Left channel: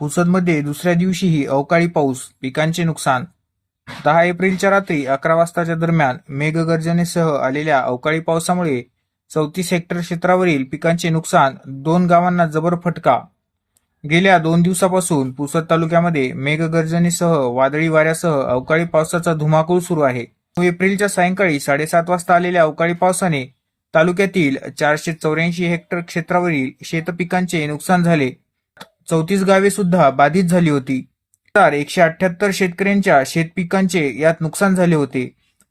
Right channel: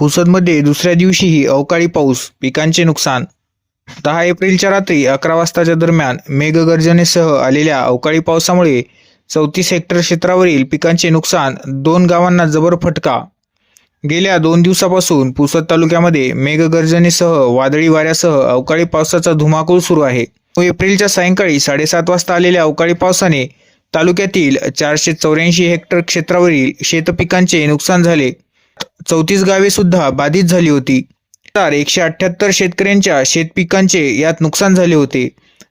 पुसदमध्ये दुसऱ्या दिवशीही अवकाळी पाऊस पिकांचे नुकसान. दहा एप्रिलच्या रात्री अकरा वाजताच्या दरम्यान मेघगर्जनेसह आलेल्या अवकाळी पावसामुळे चौतीस हेक्टर क्षेत्रावरील पिकांचे नुकसान दोन गावांना जबर फटका. गेल्या दोन दिवसापासून पुसद तालुक्यामध्ये मेघगर्जनेसह वादळी वाऱ्यासह अवकाळी पावसाचा धुमाकूळ सुरू आहे. एप्रिलच्या सायंकाळी साडेसात वाजता आलेल्या अवकाळी पावसाने तालुक्यातील चारशे चौऱ्याऐंशी हेक्टर क्षेत्रावरील शेतपिकांचे नुकसान झाले. चौतीस गावे सुद्धा बाधित झाली होती. तर एकशे अठ्ठ्याहत्तर शेतकऱ्यांच्या शेतपिकांचे यात नुकसान झाले होते.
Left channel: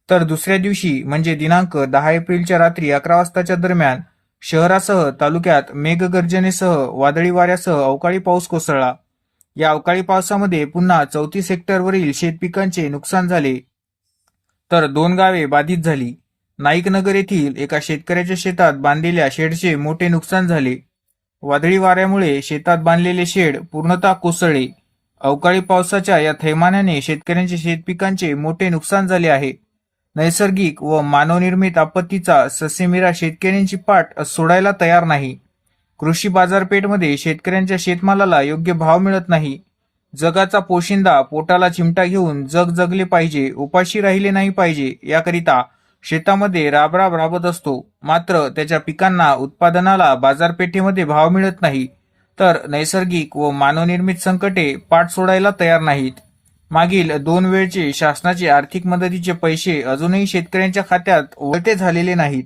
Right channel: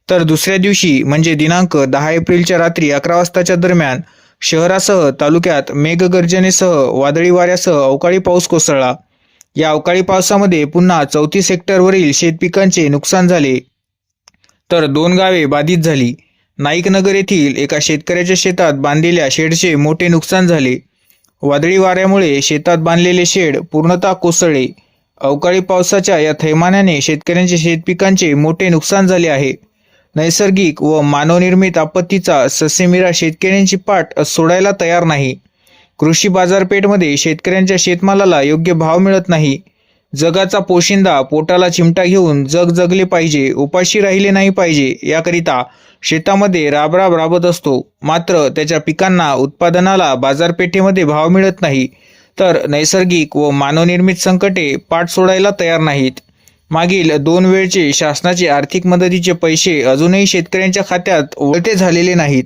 तर दुसऱ्या दिवशी म्हणजे दिनांक दहा एप्रिलच्या रात्री अकरा वाजताच्या दरम्यान शहरासह तालुक्यात मेघगर्जनेसह वादळी वाऱ्यासह अवकाळी पाऊस कोसळला. या अवकाळी पावसामध्ये पुन्हा चौतीस हेक्टरवरील शेतपिकांचे नुकसान झाले. तर दोन गावे बाधित झाली. नाईकनगर येथील एका शेतकऱ्याच्या शेतात बांधलेल्या शेडचे मोठे नुकसान झाले. वादळी वाऱ्यामुळे शेतात बांधलेले शेड पूर्णतः कोसळले. अवकाळी पावसाच्या या थैमानाने शेतकऱ्यांचे शेतपिकांचे मोठे नुकसान झाले आहे. नैसर्गिक व मानवनिर्मित आपत्तीचा ससेमिरा शेतकऱ्यांची पाठ सोडायला तयार नाही. कृषी बाजारपेठमध्ये शेतकऱ्यांच्या शेतमालाला योग्य भाव मिळत नाही. जगाचा पोशिंदा पोटाला चिमटा घेऊन जग जगले पाहिजे उपाशी राहिले नाही पाहिजे याकरिता शेतामध्ये राबराब राबत असतो. मात्र त्याच्या पिकांना उत्पादनाला बाजारपेठेमध्ये भाव मिळत नाही. तर नैसर्गिक व मानवनिर्मित संकटे पाठ सोडायला तयार नाहीत. मागील दोन वेळचे शासनाचे आर्थिक मदतीचे पैसे अजूनही शेतकऱ्यांच्या खात्यात वळते झालेले नाहीत.